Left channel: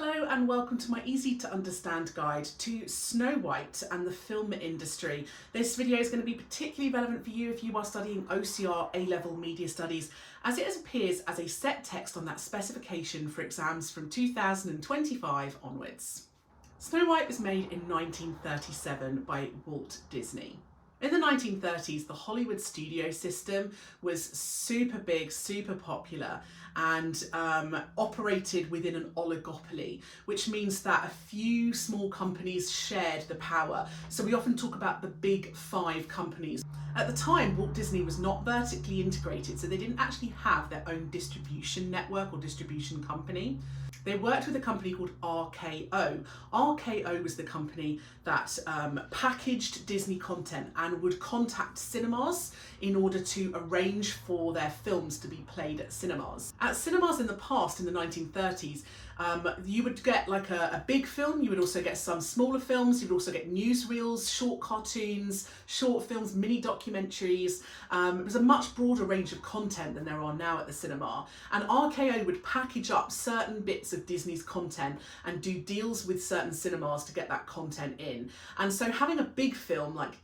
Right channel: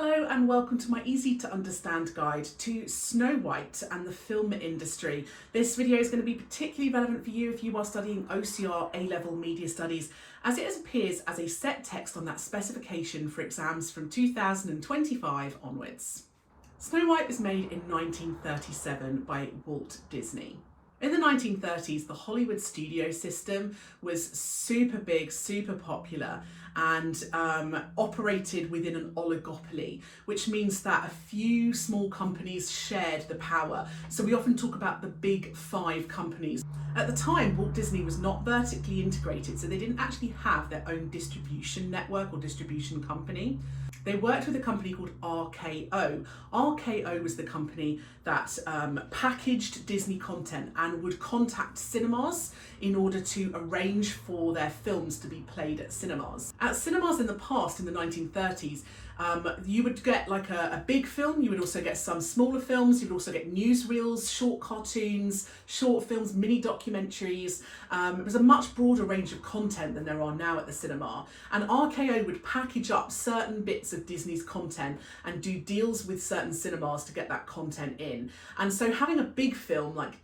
Hello and welcome to my easy to understand guide to Snow White and the film industry. This video is going to be particularly relevant for you if you are studying OCR A-Level Media Studies, as it appears as a set text on that specification for exams from 2025 onwards. Snow White was made in 1937 by Walt Disney. In the 1930s, the Hollywood studio system was super big, super popular, and operated within an oligopoly, which means that a few small companies shared the power. So we often talk about the big five companies. At the time, Walt Disney was not vertically integrated, so they didn't actually have their own distribution network or distribution company. They worked with a company called RKO. RKO was the company that packaged Disney content and would contact cinemas in order to arrange for their films to be played at cinemas. At cinemas in the past, in the 1930s, you would get like a big film, you would also get some smaller films, you would also get newsreels, short cartoons, short films, mini documentaries. It was a much broader range of content than there are now at the cinema. And RKO would package up certain bits of Disney's content and do deals with certain cinemas to get that content in. And so having a big film like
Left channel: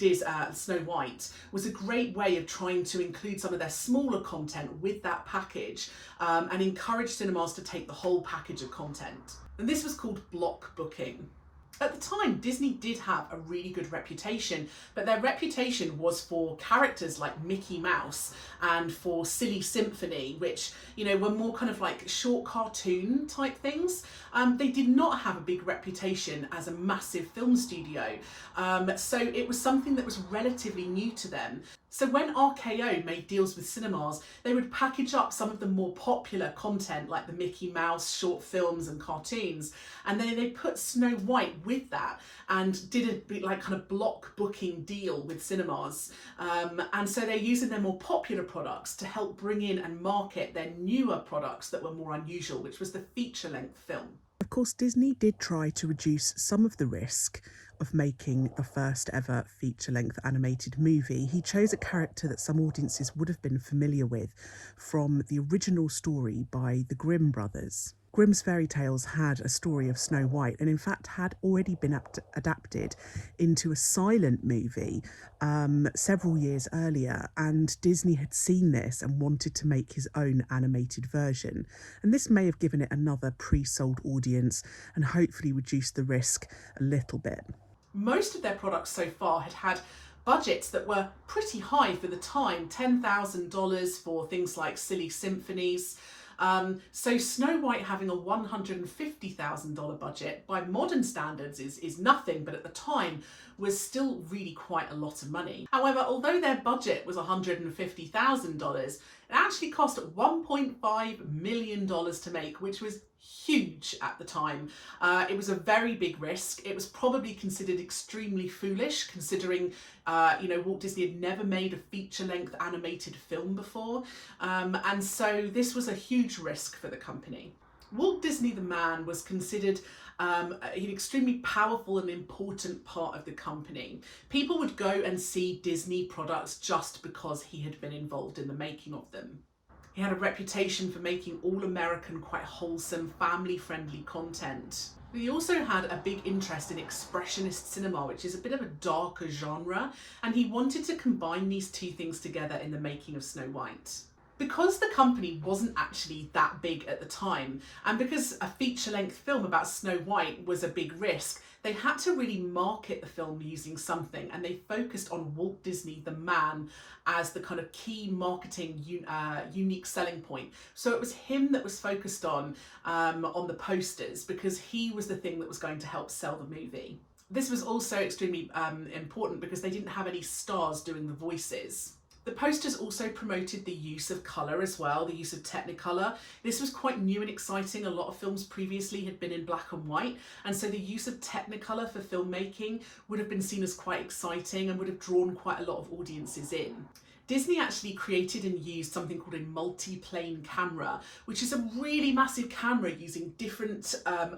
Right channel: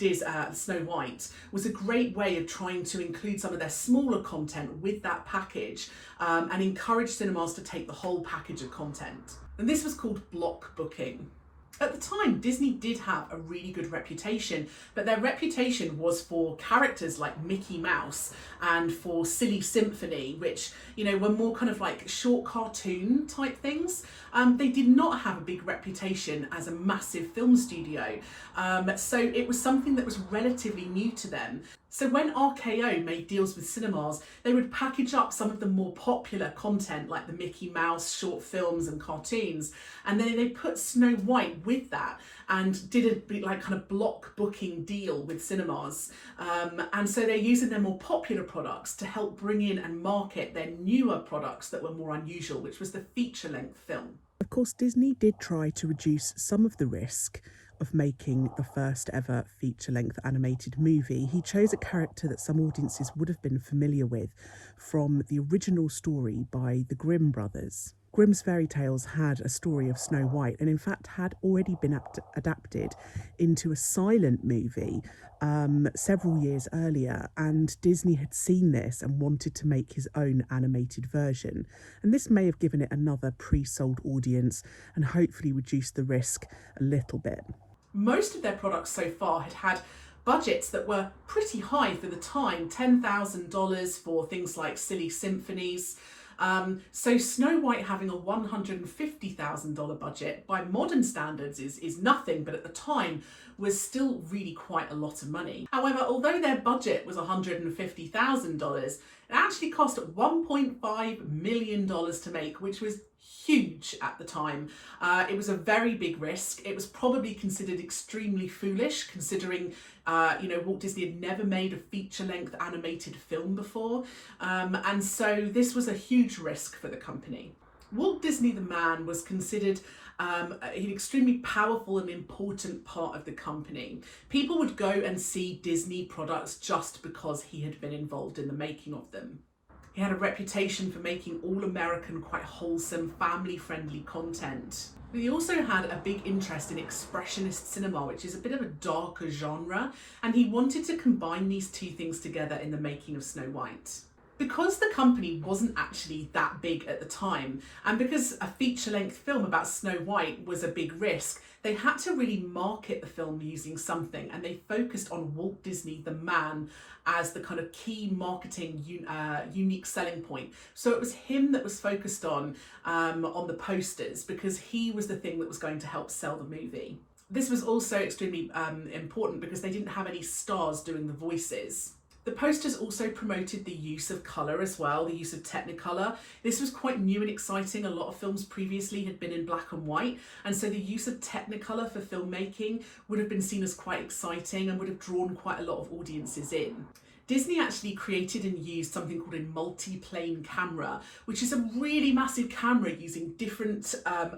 Snow White was a great way of trying to include some of their smaller content with that package and encourage cinemas to take the whole package of content. And this was called block booking. At the time, Disney did have a really good reputation, but their reputation was for characters like Mickey Mouse and for Silly Symphony, which, you know, were more kind of like short cartoon type things. They did not have a big reputation as a massive film studio. So it was something that was relatively new to them. So when RKO made deals with cinemas, they would package up some of the more popular content like the Mickey Mouse short films and cartoons, and then they put Snow White with that and did a like kind of block booking deal with cinemas. And so they're using their more popular products to help bring in and market their newer products that were more unusual, which was the feature-length film. Of course, Disney did try to reduce some of the risk of making the first ever feature-length animated movie. He chose a character that some audiences would have been familiar with from the original story by the Grimm brothers. Grimm's fairy tales had a story of Snow White and in fact had already been adapted into a silent movie several years earlier, and Disney had seen this and wanted to make his own animated version. And this may have given it another pre-sold audience and hopefully reduced the risk a little bit. Most of their products so far had budgets that were pretty high for the time, $10,000 for things like Silly Symphonies. So Snow White having a $150,000 budget by modern standards is nothing, but at the time was still really quite a lot of money. However, although their budget was $150,000, it actually cost $1.5 million to make, which was huge at the time. It was a very big risk. It was probably considered extremely foolish, considering Walt Disney had never made a feature-length animated film before, and so this was a huge risk for the company. Walt Disney the man was considered an extremely powerful and important part of the company. People would go and see Disney products just because he had been involved in the making of them. He had a reputation for making all-American, quite wholesome, family-friendly content. But he also had a big interest in expressionist cinema, which is a bit of a darker genre, and he wanted to combine these two things together in the making of Snow White. Because the company wasn't actually that big at the time, and because a feature-length film about Snow White was a big risk, they had to really market the film using something, and they focused on Walt Disney the man as the kind of key marketing unique selling point. So it was him that was focused on the posters, because he was the thing that was going to help sell the movie. This was also extremely important because they didn't have any stars doing the voices. The posters also promoted the use of colour as well, the use of Technicolor. This was quite new and exciting. A lot of films previously had been in black and white, and so the use of Technicolor for filmmaking would have been seen as quite exciting and would have drawn quite a lot of audiences in. Disney actually created and used something called a multi-plane camera, which is a really massive camera using different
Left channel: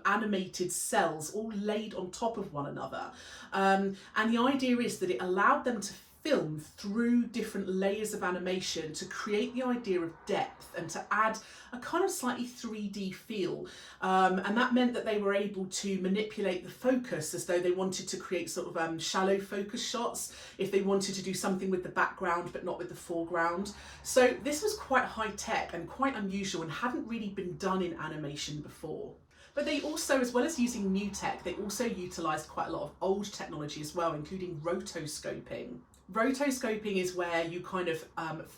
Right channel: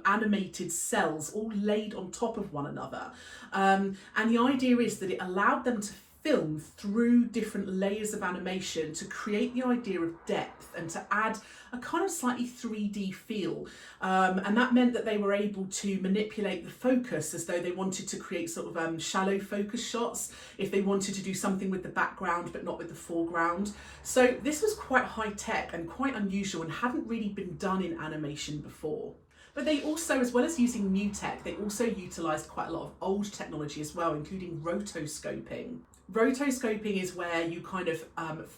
animated cells all laid on top of one another. And the idea is that it allowed them to film through different layers of animation to create the idea of depth and to add a kind of slightly 3D feel. And that meant that they were able to manipulate the focus as though they wanted to create sort of shallow focus shots, if they wanted to do something with the background but not with the foreground. So this was quite high tech and quite unusual and hadn't really been done in animation before. But they also, as well as using new tech, they also utilised quite a lot of old technology as well, including rotoscoping. Rotoscoping is where you kind of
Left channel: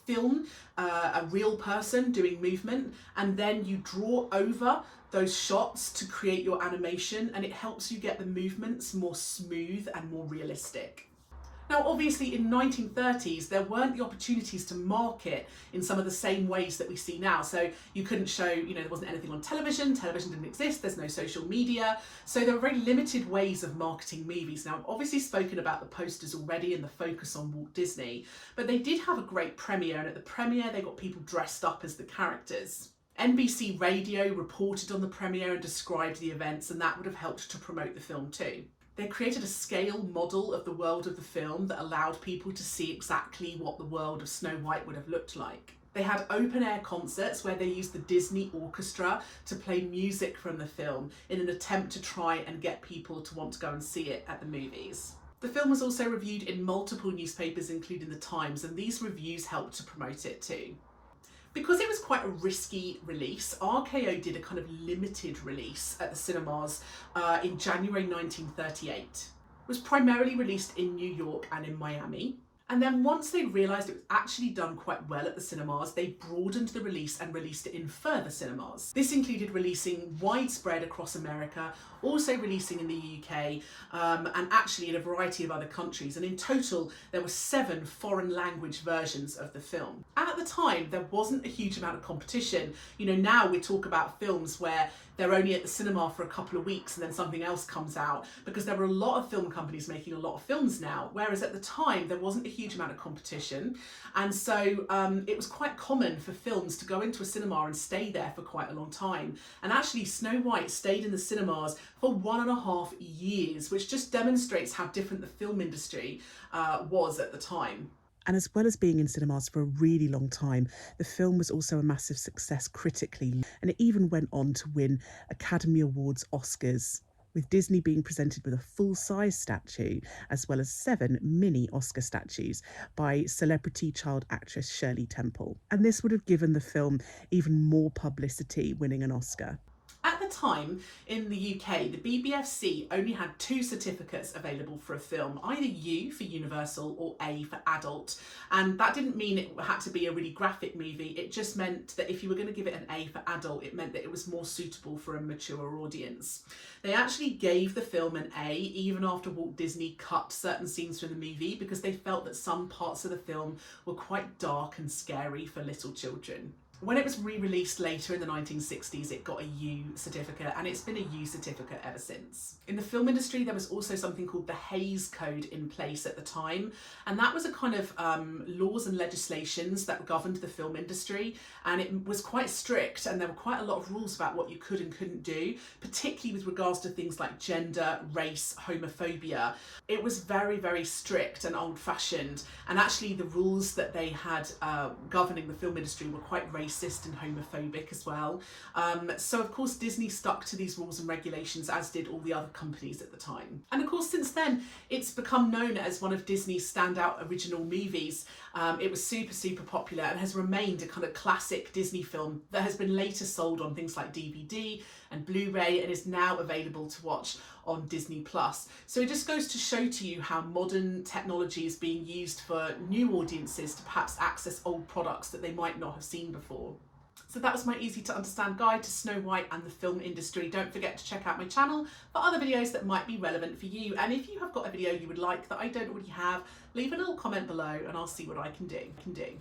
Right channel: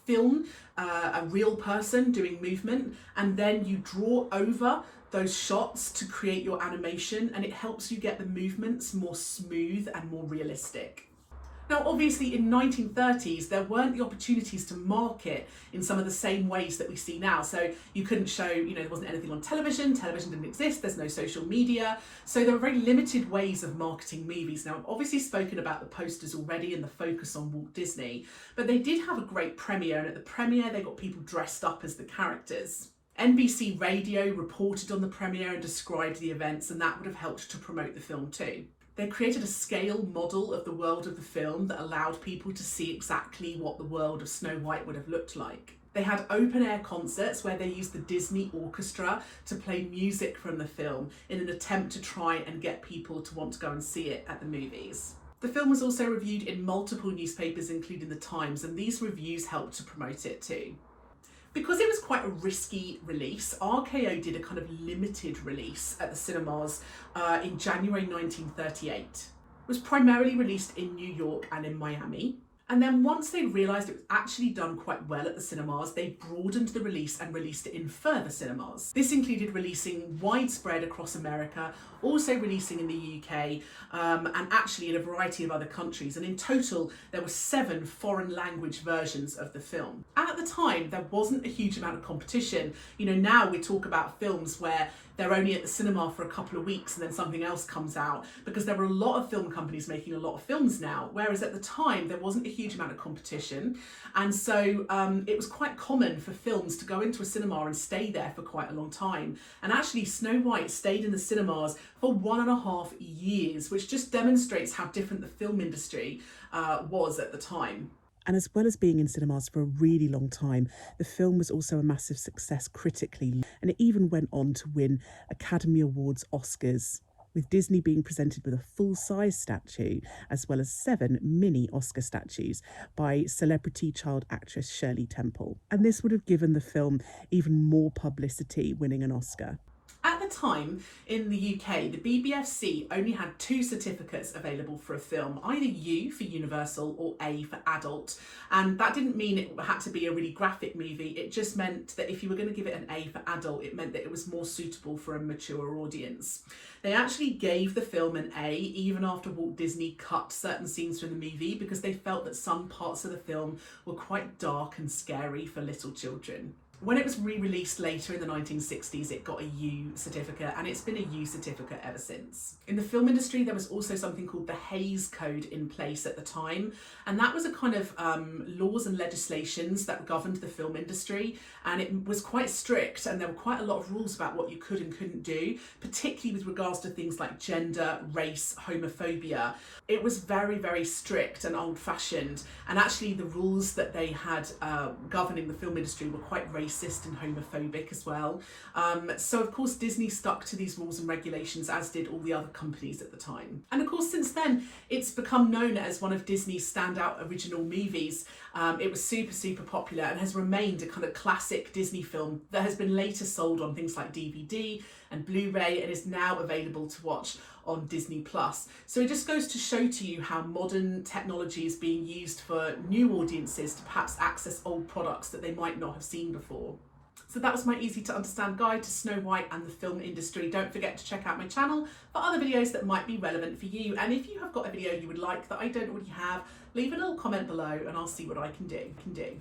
film a real person doing movement, and then you draw over those shots to create your animation, and it helps you get the movements more smooth and more realistic. Now, obviously in 1930s, there weren't the opportunities to market in some of the same ways that we see now. So you couldn't show, there wasn't anything on television didn't exist, there's no social media. So there were very limited ways of marketing movies. Now, I've obviously spoken about the posters already and the focus on Walt Disney, but they did have a great premiere, and at the premiere, they got people dressed up as the characters. NBC Radio reported on the premiere and described the events, and that would have helped to promote the film too. They created a scale model of the world of the film that allowed people to see exactly what the world of Snow White would have looked like. They had open air concerts where they used the Disney Orchestra to play music from the film in an attempt to try and get people to want to go and see it at the movies. The film was also reviewed in multiple newspapers, including The Times, and these reviews helped to promote it too. Because it was quite a risky release, RKO did a kind of limited release at the cinemas in January 1938. It was primarily released in New York and in Miami. And then once they realised it was actually done quite well at the cinemas, they broadened the release and released it in further cinemas. This included releasing widespread across America, also releasing in the UK, and actually in a variety of other countries. And in total, there were 7 foreign language versions of the film. And at the time, there wasn't a huge amount of competition. Now we talk about films where they're only at the cinema for a couple of weeks and then something else comes out, because there were a lot of film companies making a lot of films now, whereas at the time there wasn't a huge amount of competition. And so it was quite common for films to go into a cinema and stay there for quite a long time. And actually Snow White stayed in the cinemas for 1.5 years, which just demonstrates how different the film industry was at the time. And as well as being in cinemas for a really long time, the film was also a massive success critically, and it even went on to win Academy Awards Oscars, with Disney being presented with a full-size statue, as well as 7 mini Oscar statues by celebrity child actress Shirley Temple. And this would have given the film even more publicity, winning an Oscar. At the time, in the UK, the BBFC only had 2 certificates available for a film, either U for Universal or A for Adult. And that didn't mean it had to be a really graphic movie, it just meant that if you were going to give it an A for Adult, it meant that it was more suitable for a mature audience. They actually gave the film an A even after Walt Disney cut certain scenes from the movie, because they felt that some parts of the film were quite dark and scary for little children. When it was re-released later in the 1960s, it got a U certificate, and it's been a U certificate ever since. In the film industry, there was also something called the Hays Code in place at the time, and that was a kind of laws and legislations that governed the film industry, and it was quite strict, and there were quite a lot of rules about what you could and couldn't do, particularly with regards to things like gender, race, homophobia. It was very, very strict and old-fashioned, and actually the rules that they had governing the film industry were quite racist and homophobic as well. So of course Disney stuck to these rules and regulations, as did all the other companies at the time. And of course since then it's become known as one of Disney's standout original movies. It was super popular and has remained a kind of classic Disney film that has been later sold on things like DVD and Blu-ray and is now available to watch on Disney+. So it just goes to show to you how modern technology is being used for new audiences to perhaps access old products that they might not have seen before. So that was my easy to understand guide to Snow White and the film industry. Don't forget to check out my channel for other videos that might be relevant for you. And if you have got a video you would like that I don't already have, leave a little comment below and I'll see what I can do.